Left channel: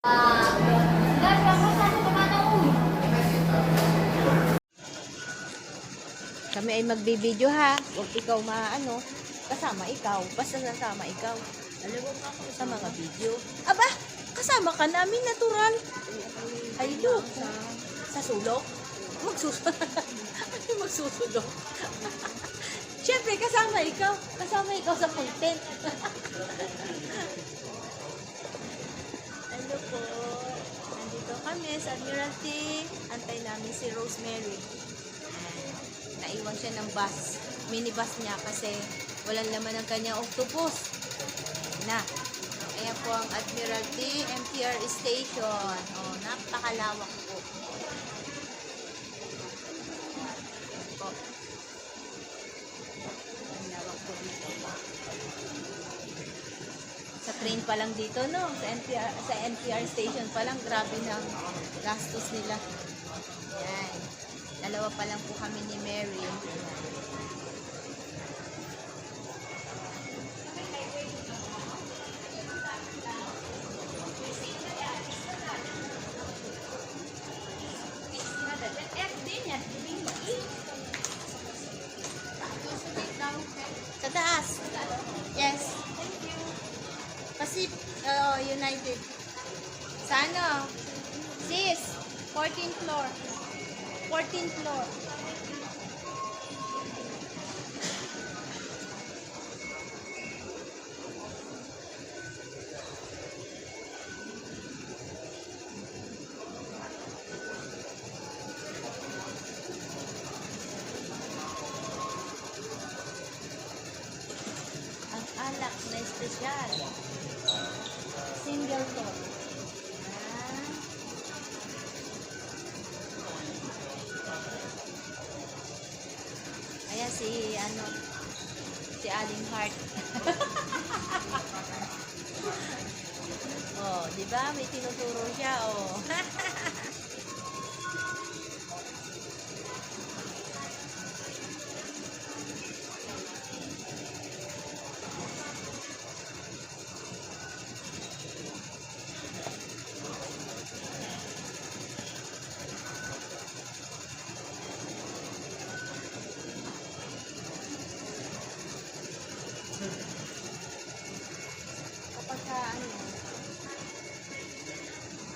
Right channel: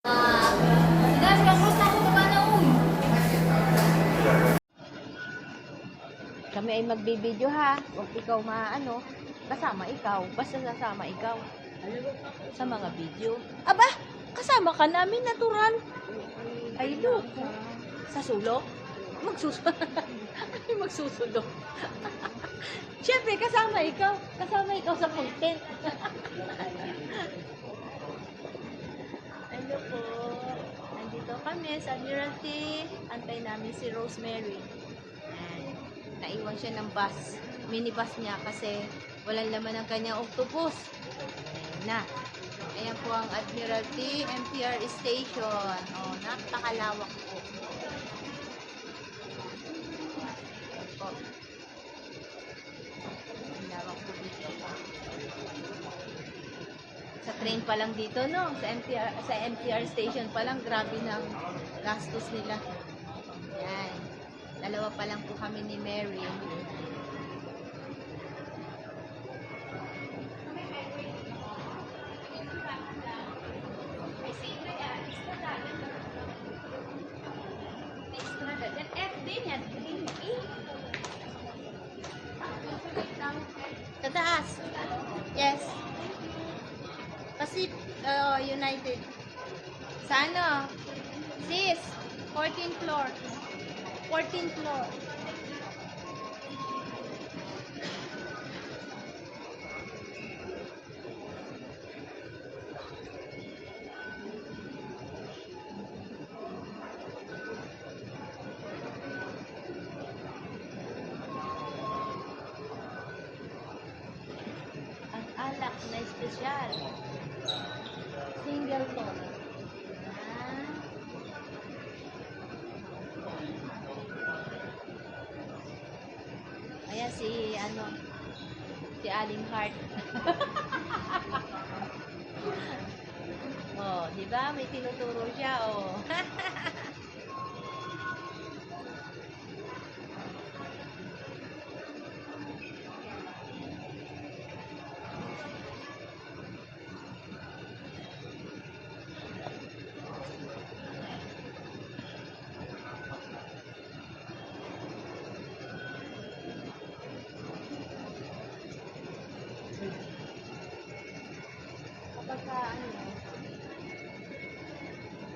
Kami ay magbibideo ha. Huwag ikaw maano. Kasama ikaw. Basta sasama ikaw. Sa mga video. Aba! Kasama ka namin natural. Ay, loko. Sa sulok? Magsusulok. Siyempre, kasama ikaw. Kasama ikaw sa content. Ano po? Andito kami sa Admiralty. Antay namin si Rosemary. Ayan. Naiwan siya ng bus. Minibus niya kasi walang laman ng kanyang octopus. Ayan na. Ayan po ang Admiralty MTR Station. Oh, napakalawak po. Ayan po. Ang lawak po dito. Sa train pa lang dito, no? Sa MTR Station pa lang, grabe ng gastos nila. Ayan. Dalawa pa lang po kami ni Mary. Sa taas. Yes. United. Sa ano? Sis, 14th floor. 14th floor. Ang alak na espesyal. Single ton. Ayan si Aling Heart. Oh, di ba? May tinuturo siya, oh.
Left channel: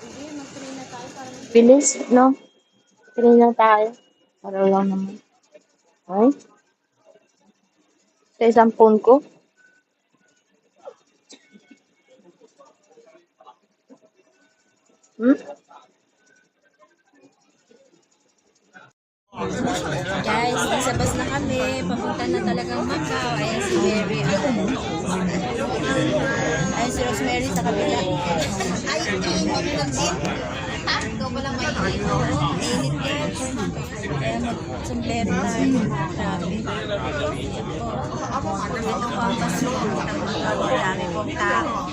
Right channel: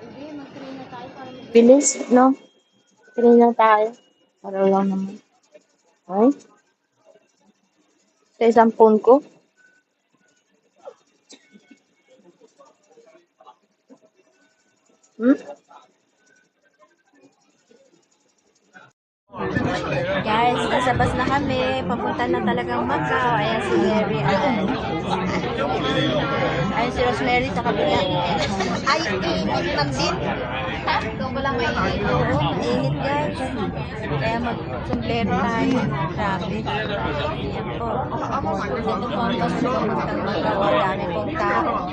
Hindi, mag-train na tayo para Bilis, no? Train lang tayo. Para lang naman. Ay? Sa isang phone ko. Guys, nasa bus na kami. Papunta na talagang Macau. Ayan si Mary. Ayan si Rosemary sa kabila. Ay, init lang din. Ha? Ito ba lang kayo? Oo, mainit guys. Kaya mag-sombrero tayo. Grabe. Ayan po. Ito po ang bus room. Dami pong tao.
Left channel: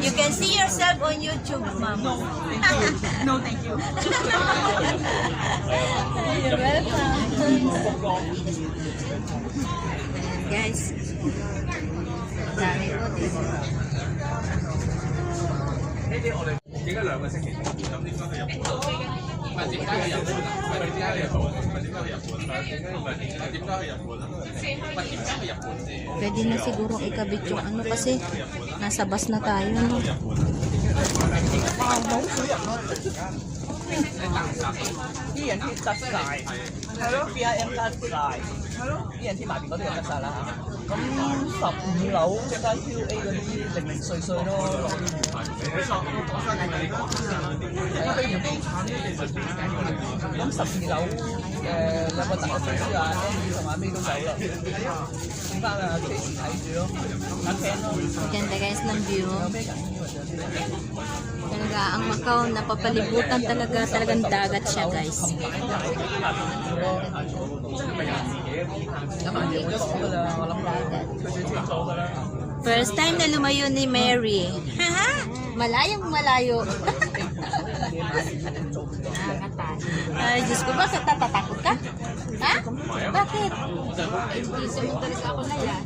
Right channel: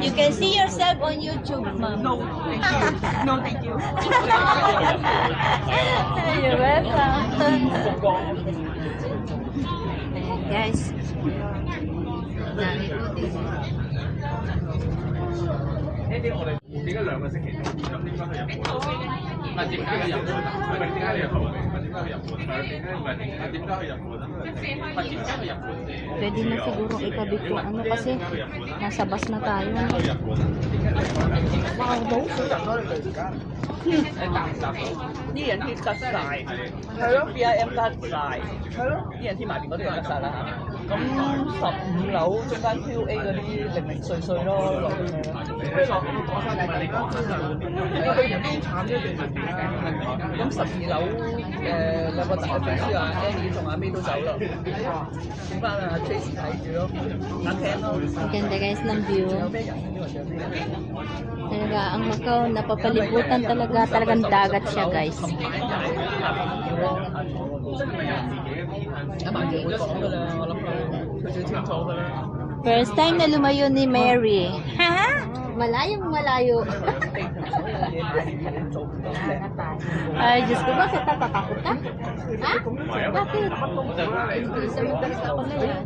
You can see yourself on YouTube, ma'am. No, thank you. You're welcome. Guys, dami po dito. Pwede na siguro ikabit yung ano kasi nasa bus na tayo. No? 啲人貼得晒，係咯 BIM 得晒，係咯，啲人貼埋邊嗰啲就得晒啦。咁15樓中間 QA 嗰啲零零碎碎咯，落啲咯。咁12樓兩個大公司啊，Andy 同阿 May 都走啦，剩翻啊 Tracy 睇住咯，等聽咯。 Maganda guys ng view. 有咩人呢？或者咩人？ Talaga ang Macau napapalibutan talagang dagat siya guys. First time na lumayo ni Mary. Haha! Malayong malayo. Ay, Diyos ko, bakit natatakot ka? Ha? Bakit? Hindi sa mo talaga ako na yan.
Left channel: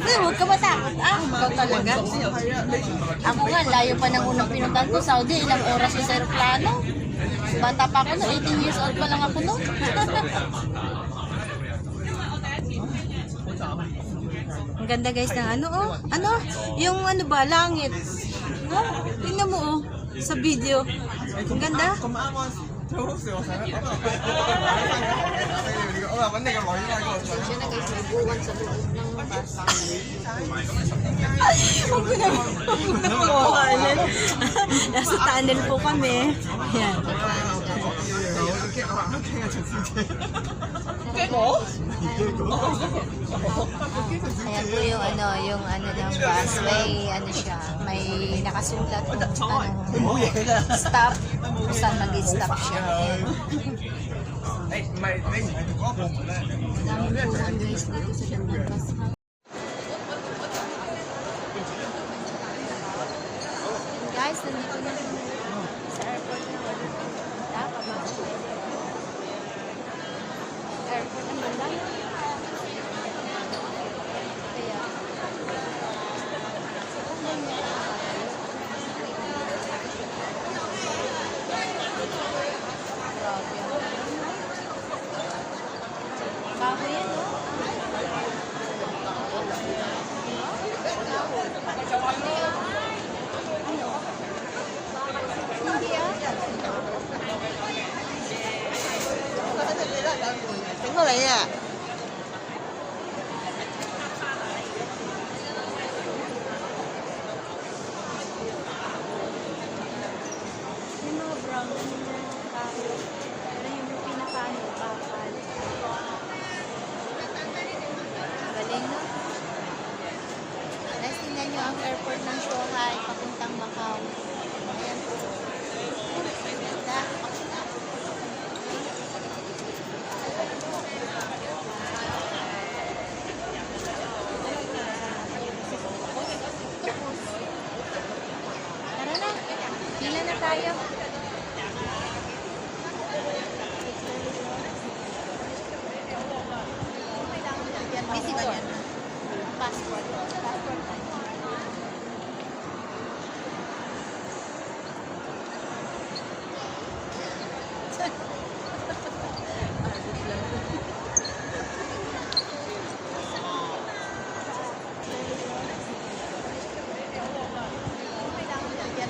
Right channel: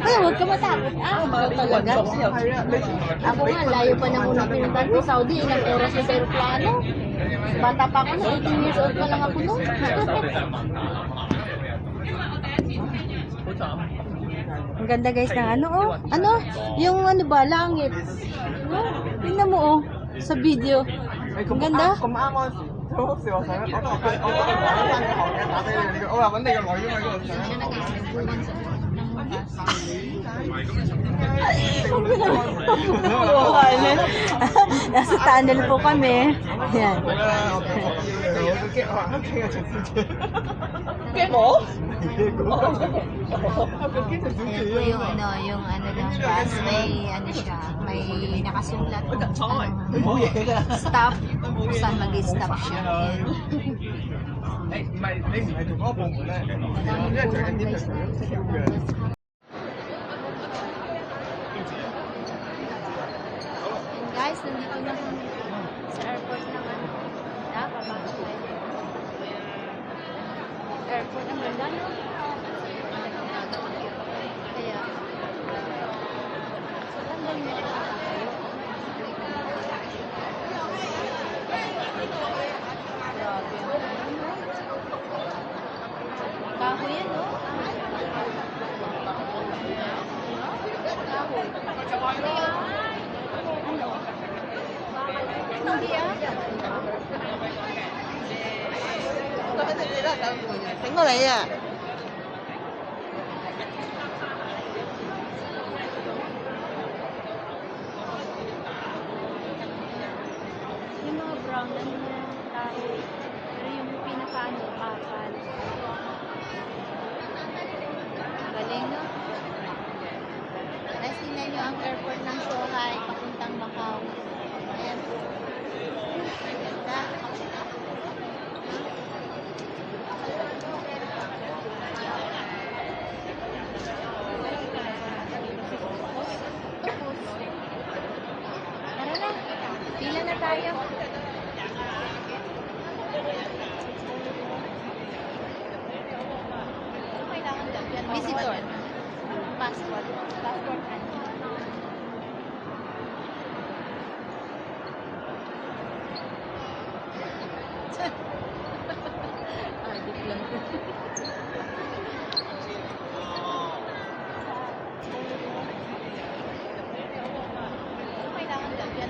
Ay, huwag ka matakot. Ah, ikaw talaga. Ako nga, layo pa ng unang pinuntahan ko, Saudi, ilang oras sa aeroplano. Bata pa ako, 18 years old pa lang ako nung. Ang ganda guys ng ano, oh. Ano? Yung ano ba, langit. Oh, tingnan mo, oh. Sa video. Ang ganda. 咁啱嗰陣時，最好笑我上我都係我都係玩翻個學嘅打俾你，我話揾你個女因為嗰度上。 Siya na guys, may buwan sa loob ng nasa tunnel po kami. Yan. Ayan po yung ano ng bus, may ano siya, may nakasulat kung stop, kung saan mag-stop siya. Ayan. 你唔係做嗰個部門咧，你係做緊啲最緊要嘅。 Guys, nandito na kami sa airport ng ano. Papasok tayo. Airport ang ganda, no? Kaya, saan na tayo? Grabe ang ganda, no? Kahoy yan, no? Kahoy. Ano? Hindi ah. 整過你啊！ Yung mga brown na niya kahoy. Pero yung pinakaano, bakal. Galing, no? Guys, tingnan nyo ang airport ng Zhuhai papuntang Macau. Ayan po. Ganda. Tara na. Pila na tayo. Visitor. Passport. Passport ID.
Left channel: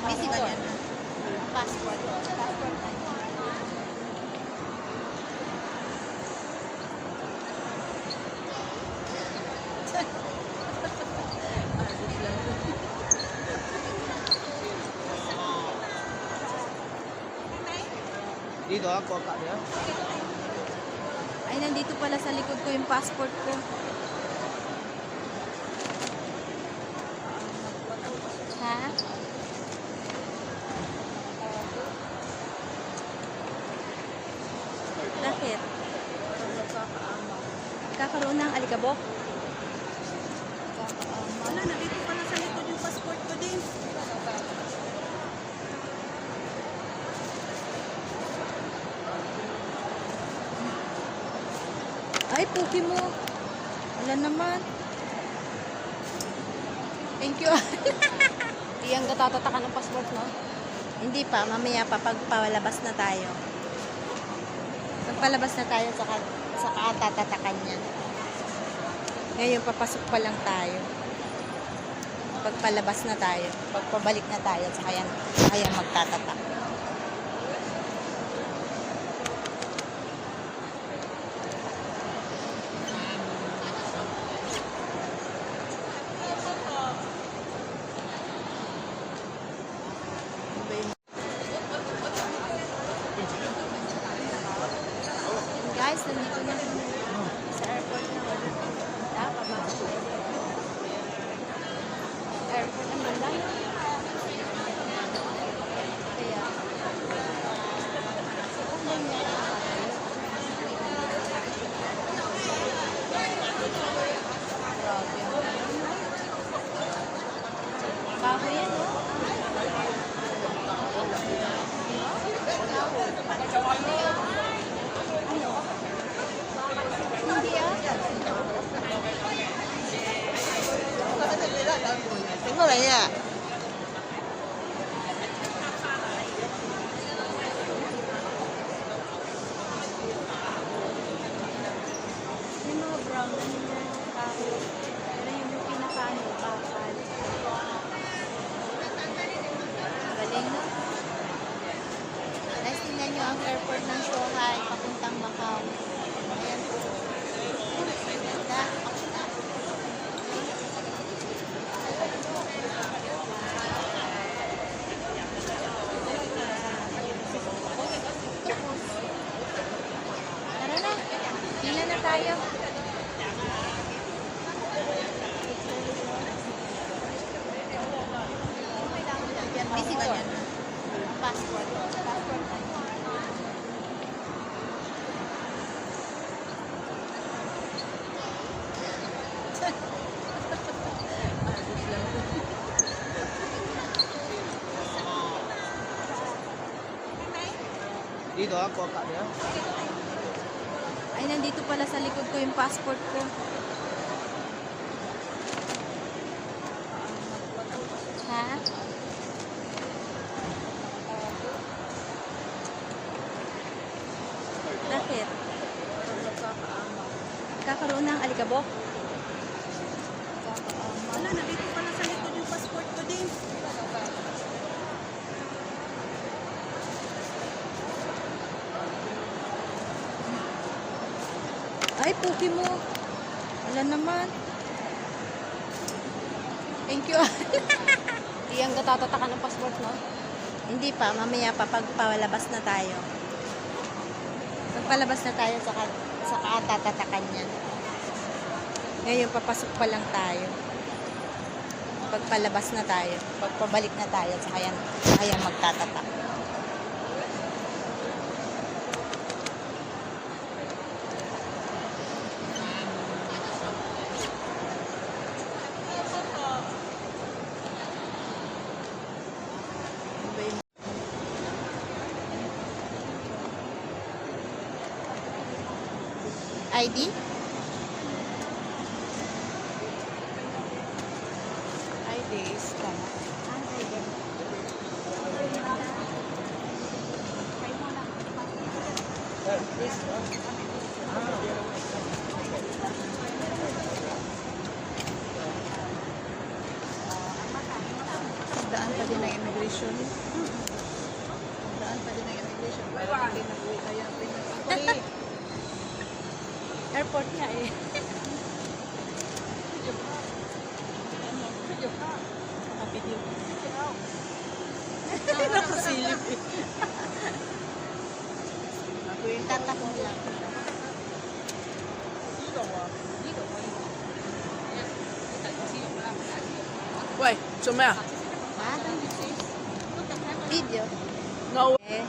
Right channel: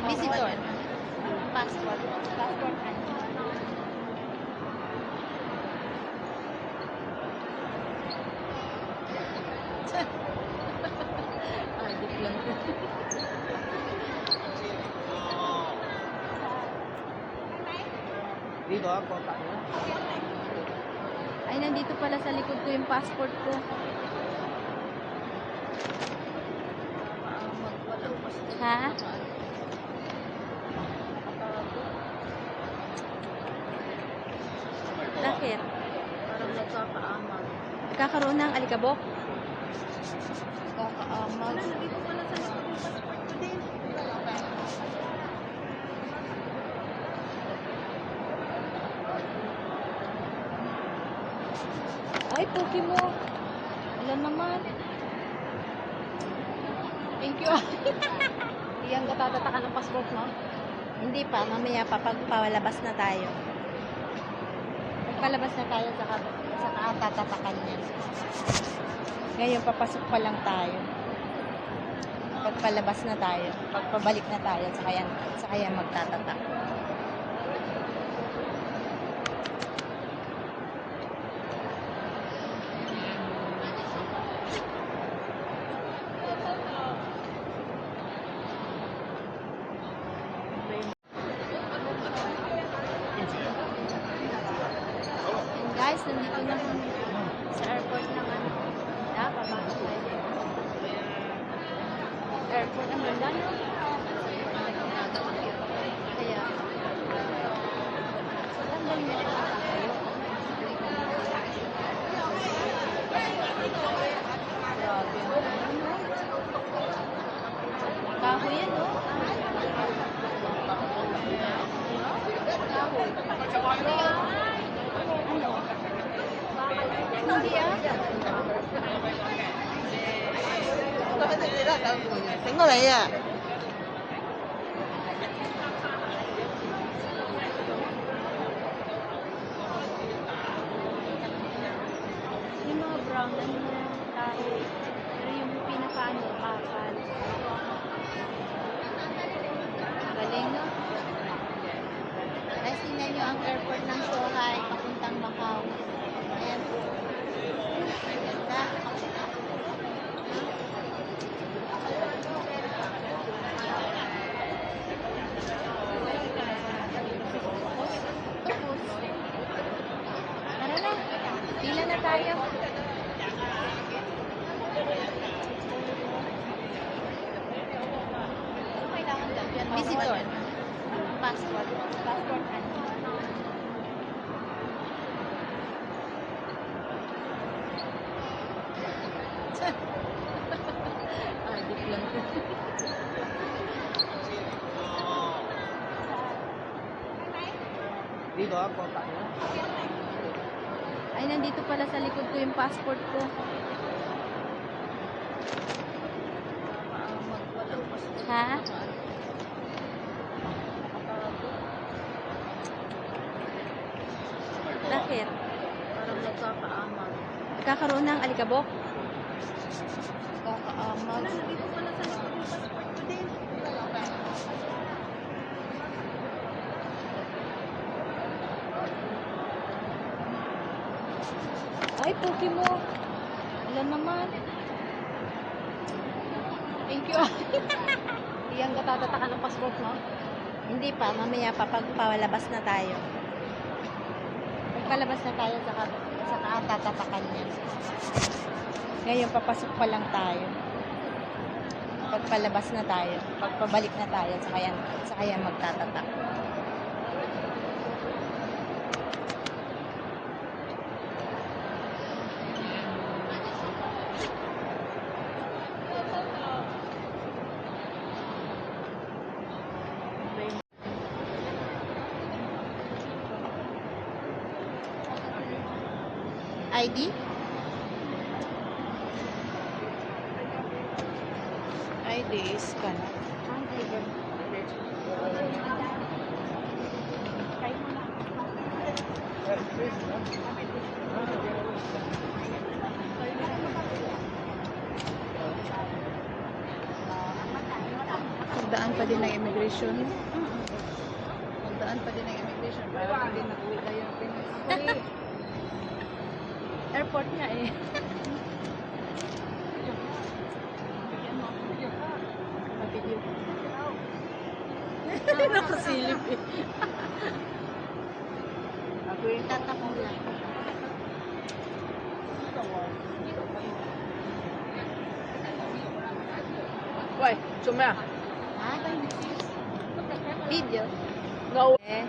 Visitor. Passport. Passport ID. Dito ako. Ay, nandito pala sa likod ko yung passport ko. Ha? Bakit? Kakaroon ng alikabok? Wala, nandito pala sa likod yung passport ko din. Ay, puki mo. Wala naman. Thank you. Hindi yan katatatakan ng passport, no? Hindi pa. Mamaya pa pag palabas na tayo. Pag palabas na tayo, saka tatatakan niya. Ngayon, papasok pa lang tayo. Pag palabas na tayo. Pag pabalik na tayo, saka yan magtatatak. Guys, nandito na kami sa airport ng ano. Papasok tayo. Airport ang ganda, no? Kaya, saan ba yung nakakatayo? Grabe ang ganda, no? Kahoy yan, no? 點過你啊？ Yung mga brown, ano yan, kahoy. Pero yung pinakaano, bakal. Galing, no? Guys, tingnan nyo ang airport ng Zhuhai, papuntang Macau. Ayan po. Ganda. Tara na. Pila na tayo. Visitor. Passport. Passport ID. Dito ako. Ay, nandito pala sa likod ko yung passport ko. Ha? Bakit? Kakaroon ng alikabok? Wala, nandito pa na sa likod yung passport ko din. Ay, puki mo. Wala naman. Thank you. Hindi ang natatatakan ng passport, no? Hindi pa, mamaya pa pag palabas na tayo. Pag palabas na tayo, saka tatatakan yan. Ngayon, papasok pa lang tayo. Pag palabas na tayo, pag pabalik na tayo, saka yan magtatatak. ID? ID scan. Ang ID. Daan pa din ng immigration. Daan pa din ng immigration. Airport nga eh. Nakapidyo. Nakasilip eh. Ako yung Tatak mo lang. Why? Sumaya. Ha? Video? Ngao. Eh.